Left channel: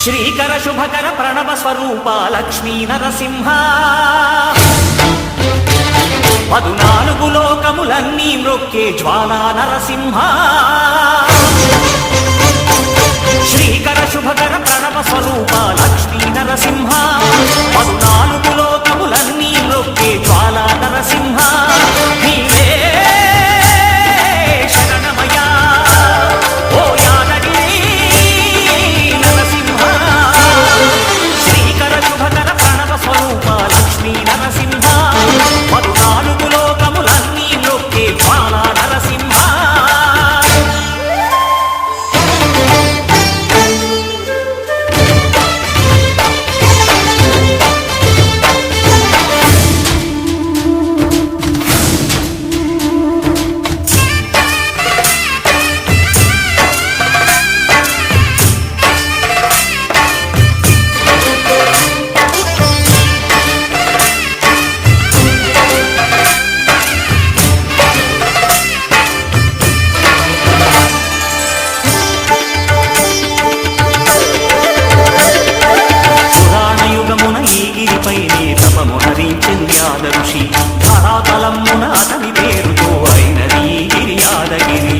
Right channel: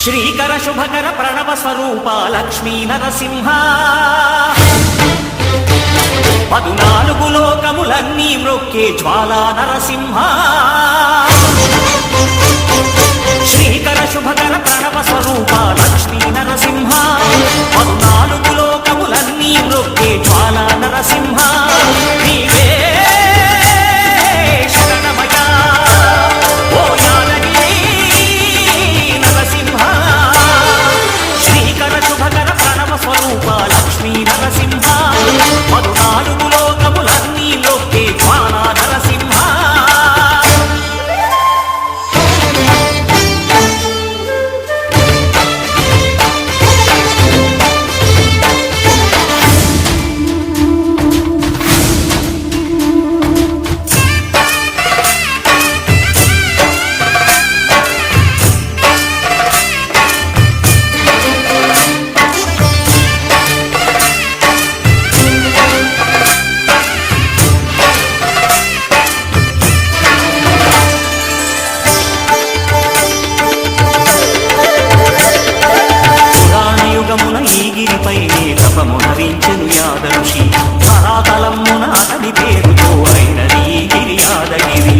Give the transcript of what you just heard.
శ్రీకర శుభకర ప్రణవ స్వరూప లక్ష్మీ నరసింహ 14 లోకములన్నీ మ్రొక్కే జ్వాలా నరసింహ శ్రీకర శుభకర ప్రణవ స్వరూప లక్ష్మీ నరసింహ 14 లోకములన్నీ మ్రొక్కే జ్వాలా నరసింహ నీవే శరణమయా ఓ యాదగిరి నరసింహ శ్రీకర శుభకర ప్రణవ స్వరూప లక్ష్మీ నరసింహ 14 లోకములన్నీ మ్రొక్కే జ్వాలా నరసింహ యుగమున ఈ గిరిపైనే తపమునరించెను యాద ఋషి ధరాతలమ్మున అతని పేరుతో అయినది ఈ గిరి యాదగిరి